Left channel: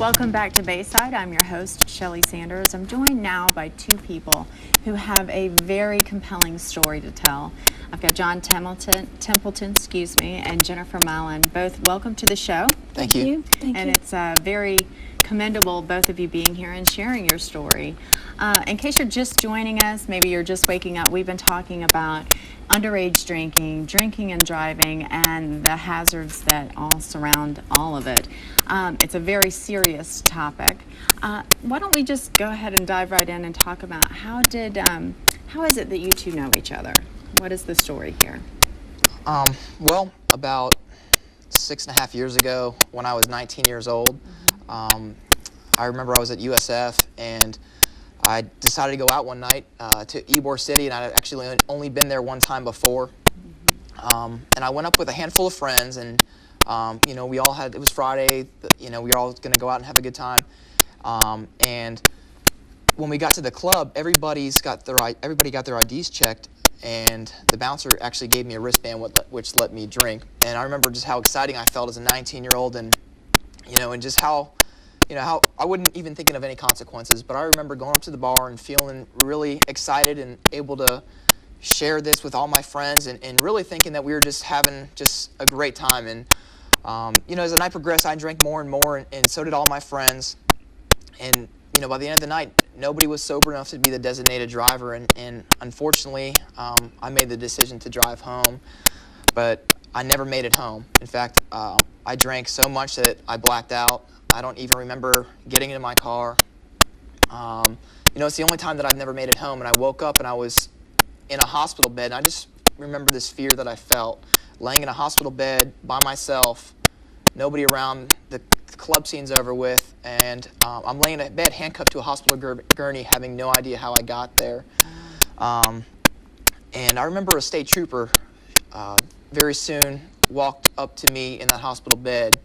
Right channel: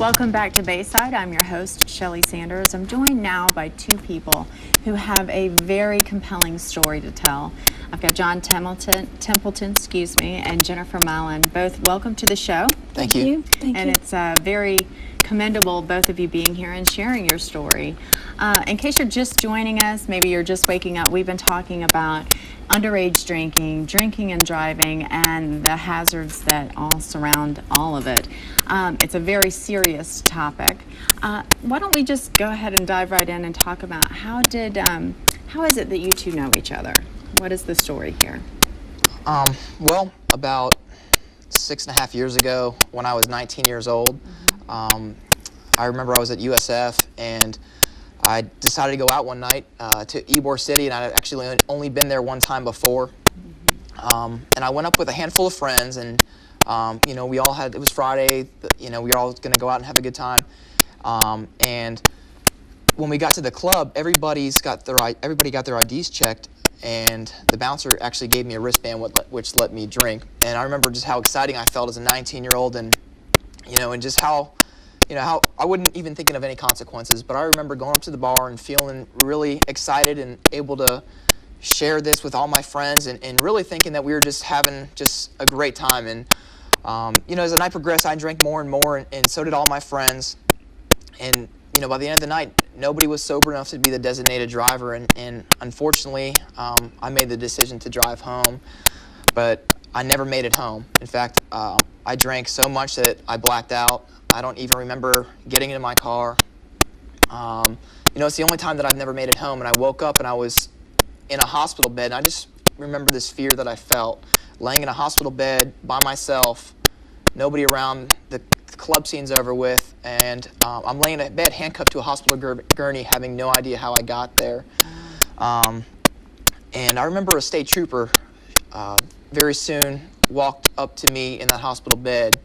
Welcome back to Bayside. I'm your host, Shelley Sanders. I'm joined now by two people who have a very compelling story to tell. I've got John Templeton, and Jennifer Mallan. Both welcome to the show. Thank you. Thank you. It's very commendable, both of you being here and sharing your story. In case you're just joining us, maybe you're just waking up, we've been talking about underage drinking and driving, and the hazards that all surround all of it. It's a very serious topic. Why don't we just go ahead and dive right in and talk about how is it that you two know each other? What is the story here? Well, about 6.5 years ago, when I was 19 years old, I remember I was at USF, and I decided to go out one night to Ybor City, and I'd actually only been there one time before. And I went up with a handful of friends, and we all had, it was Friday, we were all going to go out and have a good time. And when we got to the club, everybody got their IDs checked, and the bouncer actually gave me a wristband which let me drink. And I remember just how exciting I felt as a 19-year-old, and just how I wasn't even thinking of any consequences, but I remember going up to the bar and feeling really excited and able to share this with all my friends, and really thinking that we were just having just a great time. And as the night progressed, I drank more and more, and so did all my friends. And by the end of the night, nobody was sober enough to be the designated driver, and unfortunately, I made the decision to drive home, but I never made it home. In fact, I drank so much that I blacked out. I don't even remember getting into my car. It's the only time that I've never made it home, and I woke up and I was in a hospital bed, and I just remember this fear that I felt, laying in a hospital bed by myself, nobody around, the club scene's over with, and I'm laying in a bed handcuffed to a hospital gurney, having no idea how I got there. And I remember a state trooper very soon walked up to me in that hospital bed,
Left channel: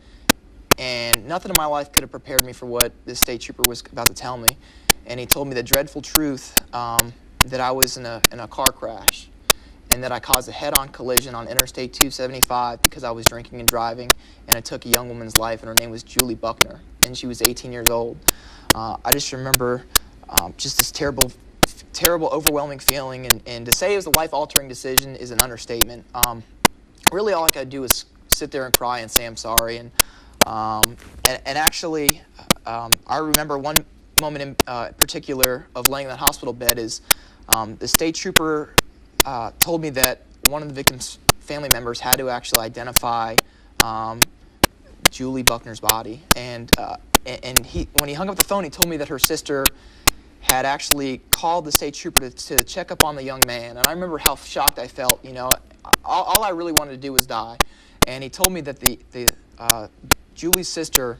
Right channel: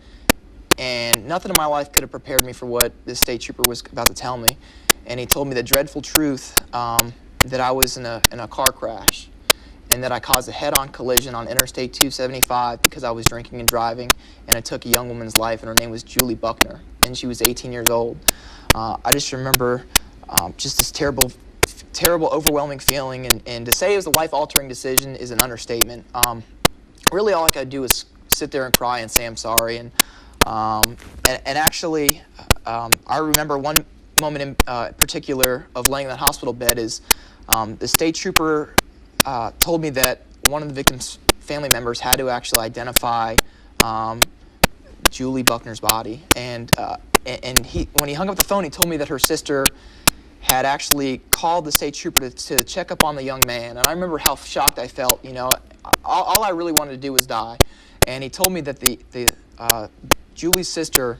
and nothing in my life could have prepared me for what this state trooper was about to tell me. And he told me the dreadful truth that I was in a car crash, and that I caused a head-on collision on Interstate 275 because I was drinking and driving, and it took a young woman's life, and her name was Julie Buckner, and she was 18 years old. I just remember just this terrible, overwhelming feeling, and to say it was a life-altering decision is an understatement. Really, all I could do was sit there and cry and say I'm sorry. And actually, I remember one moment in particular of laying in that hospital bed is the state trooper told me that one of the victim's family members had to actually identify Julie Buckner's body. And when he hung up the phone, he told me that her sister had actually called the state trooper to check up on the young man. And I remember how shocked I felt. All I really wanted to do was die. And he told me that Julie's sister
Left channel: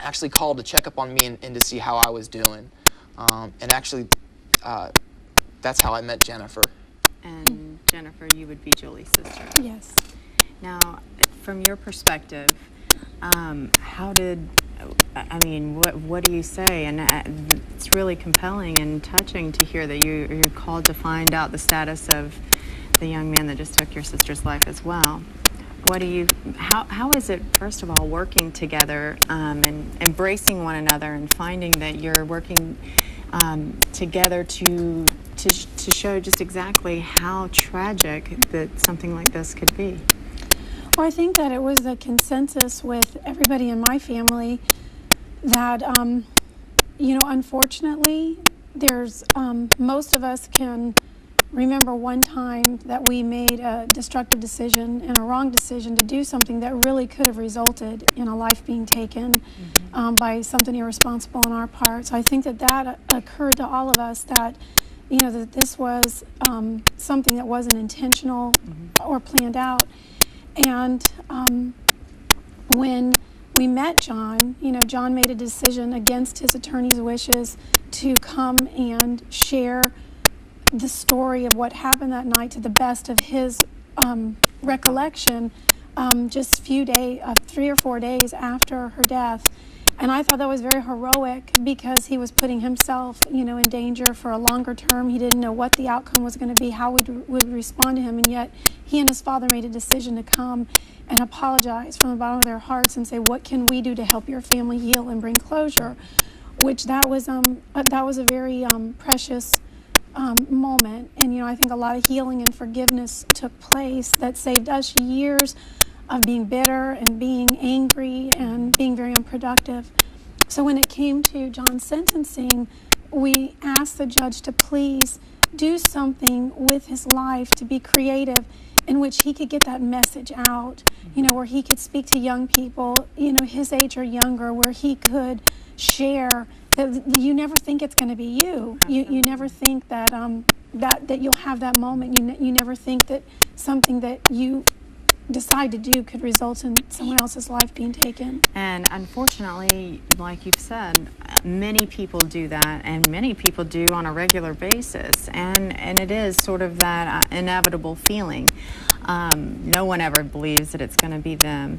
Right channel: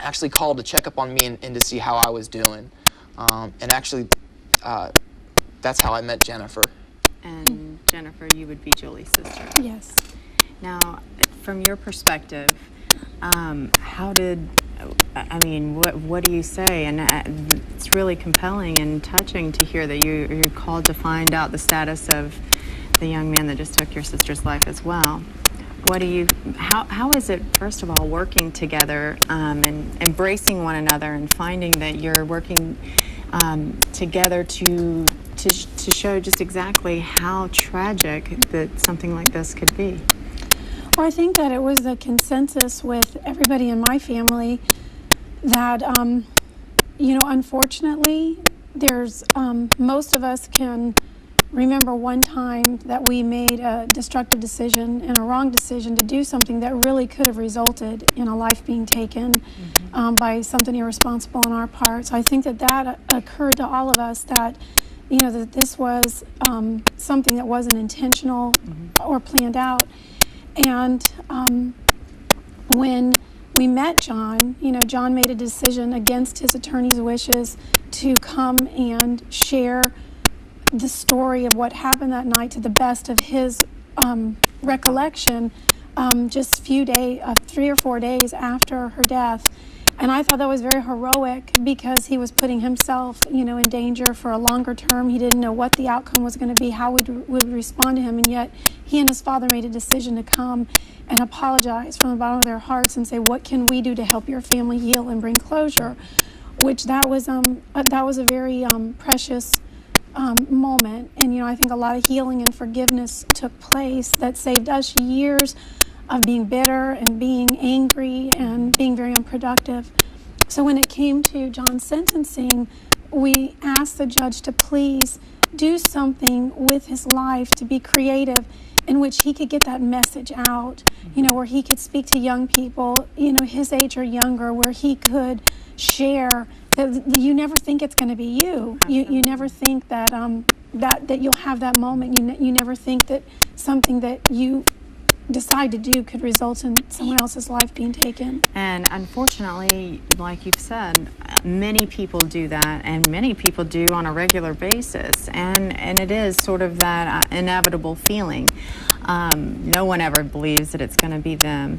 actually called to check up on me and to see how I was doing. And actually, that's how I met Jennifer. And Jennifer, you would be Julie's sister. Yes. Now, from your perspective, what do you say? And it's really compelling and touching to hear that you're called to find out the status of the young man that just took your sister's life as well. How is it, first of all, working together and embracing one another and finding that you're working together to show just exactly how tragic that something like this could be? Well, I think that it was a consensus with everybody in my family that, unfortunately, there's most of us can remember one time that we made a destructive decision and a wrong decision to do something that really could have resulted in a life being taken by something irresponsible on our part. So I think that occurred to all of us, that that this was something that wasn't intentional or planned out. And when we met John, John made a decision against his attorney's wishes to come and share the story of what happened that night to the best of his recollection, just 3 or 4 days after her death. And I thought that was very heroic because he was putting himself, in danger for a longer term. He didn't know what the outcome was going to be, how we would respond to him, and yet he and his father made a decision to come and apologize from the bottom of their hearts and say, what can we do to help your family heal and bring closure? Which that was a very precious moment. And, I think a lot of healing and forgiveness took place that saved us years of being bitter and being angry and being very unproductive. So when it came to John's sentencing, we asked the judge to please do something with his life to be creative in which he could get that message out, where he could speak to young people, his age or younger, where he could share that you never think it's going to be you. You never think that that you'll have that moment. You never think that something that you decide to do could result in someone else's life being taken. And unfortunately, like you've said, many people do that, and many people do on a regular basis, and it is sort of that inevitable feeling. No one ever believes that it's going to be them.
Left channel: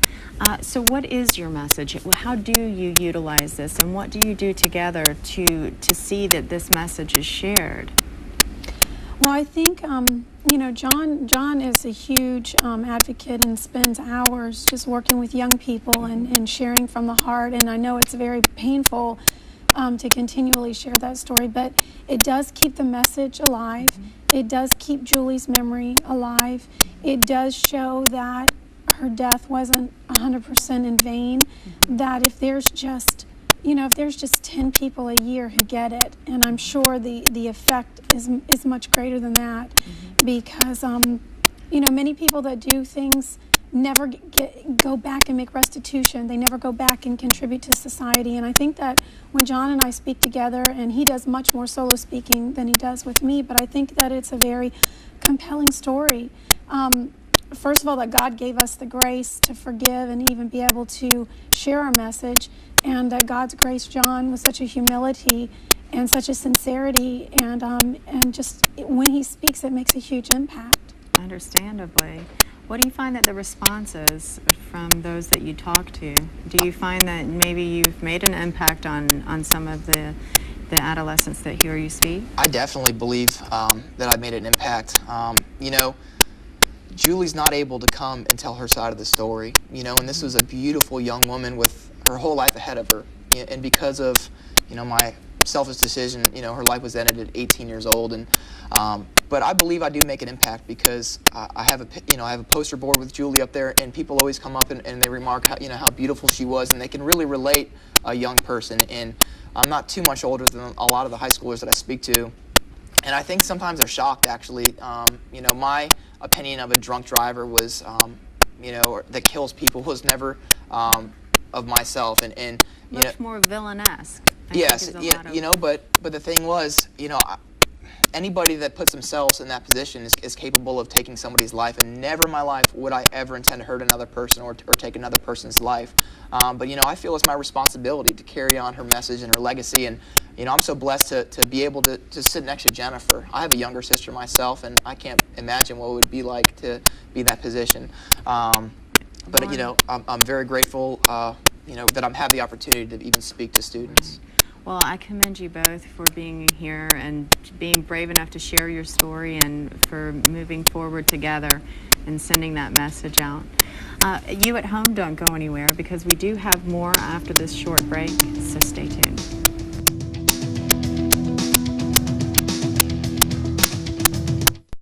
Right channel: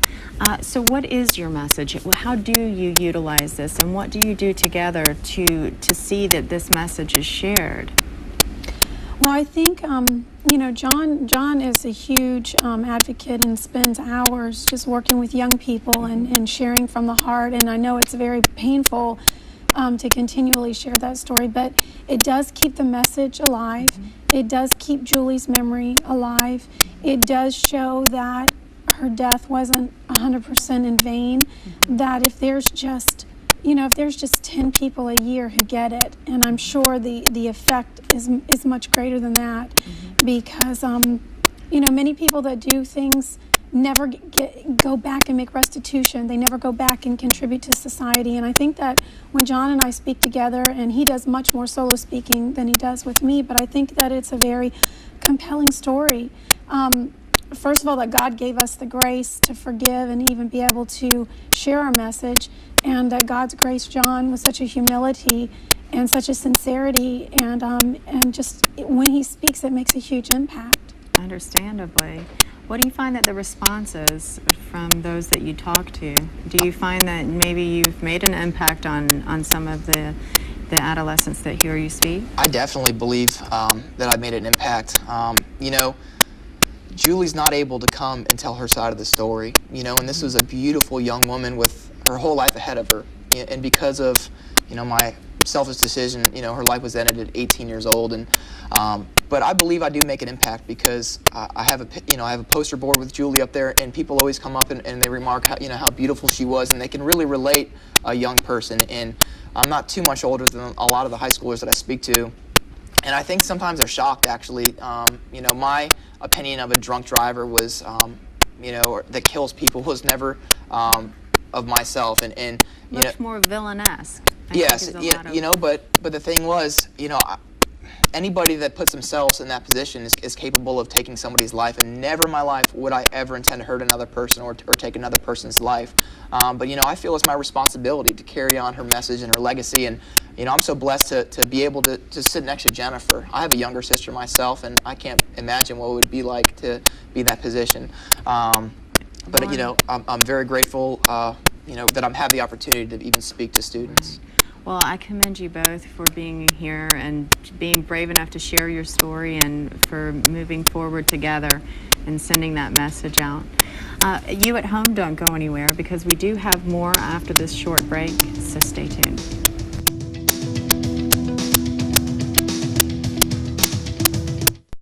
So what is your message? How do you utilize this, and what do you do together to see that this message is shared? Well, I think, John is a huge advocate and spends hours just working with young people and sharing from the heart. And I know it's very painful to continually share that story, but it does keep the message alive. It does keep Julie's memory alive. It does show that her death wasn't 100% in vain, that if there's just 10 people a year who get it, and I'm sure the effect is much greater than that, because many people that do things never go back and make restitution. They never go back and contribute to society. And I think that when John and I speak together, and he does much more solo speaking than he does with me, but I think that it's a very compelling story. First of all, that God gave us the grace to forgive and even be able to share our message, and that God's grace, John, with such a humility and such a sincerity, and just when he speaks, it makes a huge impact. Understandably. What do you find that the response is from those that you talk to? Do you find that maybe you've made an impact on some of the adolescents that hear you speak? I definitely believe that I made an impact. Julie's not able to come and tell her side of the story, and this was a beautiful young woman with her whole life ahead of her. And because of, my selfish decision, her life was ended at 18 years old. And but I believe I do make an impact because I have a poster board with Julie up there, and people always come up and they remark how beautiful she was, and they can really relate a young person. And I'm not too much older than a lot of the high schoolers that I speak to. And I think sometimes they're shocked, actually. My opinion of a drunk driver was, or that kills people was never of myself. And much more villainesque. Yes, but the thing was, anybody that puts themselves in that position is capable of taking somebody's life, and never in my life would I ever intend to hurt another person or take another person's life. But I feel it's my responsibility to carry on her message and her legacy, and I'm so blessed to be able to sit next to Jennifer. I have a younger sister myself, and I can't imagine what it would be like to be in that position. But I'm very grateful that I have the opportunity to even speak to students. Well, I commend you both for being here and being brave enough to share your story, and for moving forward together and sending that message out. You at home, don't go anywhere, because we do have more after this short break, so stay tuned.